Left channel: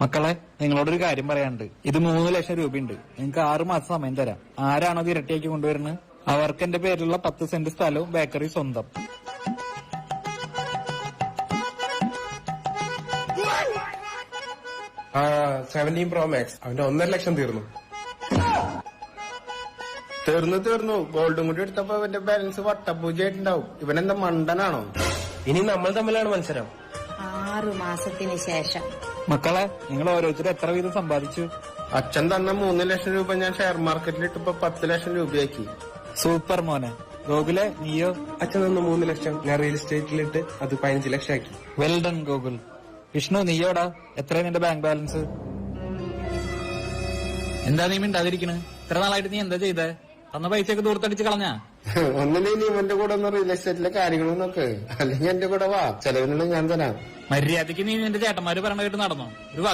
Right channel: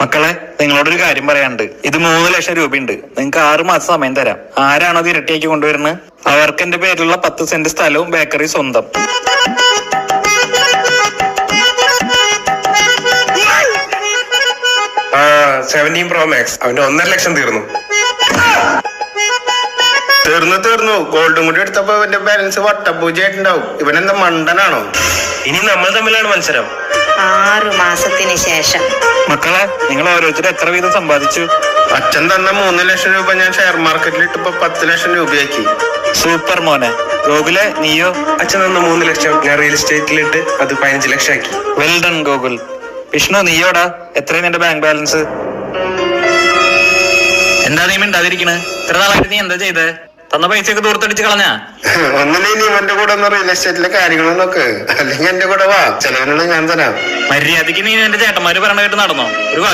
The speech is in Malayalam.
മക്കളെ, നിങ്ങളോടൊരു കാര്യം പറയാനുണ്ട്. ഇത് 3 ലക്ഷം രൂപയുണ്ട്. നിങ്ങൾക്ക് 6 മാസം സമയം തരാം. ആരാണോ അത് ഇരട്ടിയാക്കി കൊണ്ടുവരുന്നത് അവർക്ക് എന്റെ പേരിലുള്ള 10 സെന്റ് സ്ഥലവും ബേക്കറി സ്വന്തം. ആ 17 Pro Max അവന്റെ 1.5 ലക്ഷം തീർന്നു. ഗോൾഡും കൂടി എടുത്തപ്പോ ഇവന്റെ ബാലൻസ് വട്ടപൂജയായിട്ടുണ്ടാവും. ഇവനെന്താ മണ്ടനാണോ? ഇനി നമ്മൾ തമ്മിലാണ് മത്സരം. 6 മാസത്തിന് ശേഷം. മക്കളെ, നിങ്ങൾ ഓരോരുത്തർ എത്ര വീതം സമ്പാദിച്ചു? അച്ഛൻ തന്ന 3 ലക്ഷം രൂപ ഞാൻ ഷെയർ മാർക്കറ്റിൽ ഇട്ടപ്പോ 10 ലക്ഷം രൂപയാക്കി. സൂപ്പർ മോനെ. ഗോകുലെ, നീയോ? അച്ഛൻ തന്ന 3 ലക്ഷം ഞാൻ റിയൽ എസ്റ്റേറ്റിലിട്ട് അത് 15 ലക്ഷം ആക്കി. Well done Gokul. വിഷ്ണു, നീയോടാ? എത്രയും നിന്റെ ബാങ്ക് ബാലൻസ്? എന്താ നീ മിണ്ടാതിരിക്കണ്? ഇത്ര നാളായിട്ട് നീ എന്താ ചെയ്തേ? തന്ന പൈസയൊക്കെ ദൂരത്തടിച്ച് കളഞ്ഞാ? ഒന്നിനെ നീ ഇവന്റെ കൂടെ ഒന്ന് റിയൽ എസ്റ്റേറ്റിലെ കാര്യങ്ങളും നോക്ക്, അല്ലെങ്കിൽ എന്റെ കൂടെ വാ, ചെലവിനുള്ള ഞാൻ തരാം. മര്യാദക്ക് നീ എന്റെ ചേട്ടന്മാര് പറയണ കേട്ട് നടന്നോ? ഒരു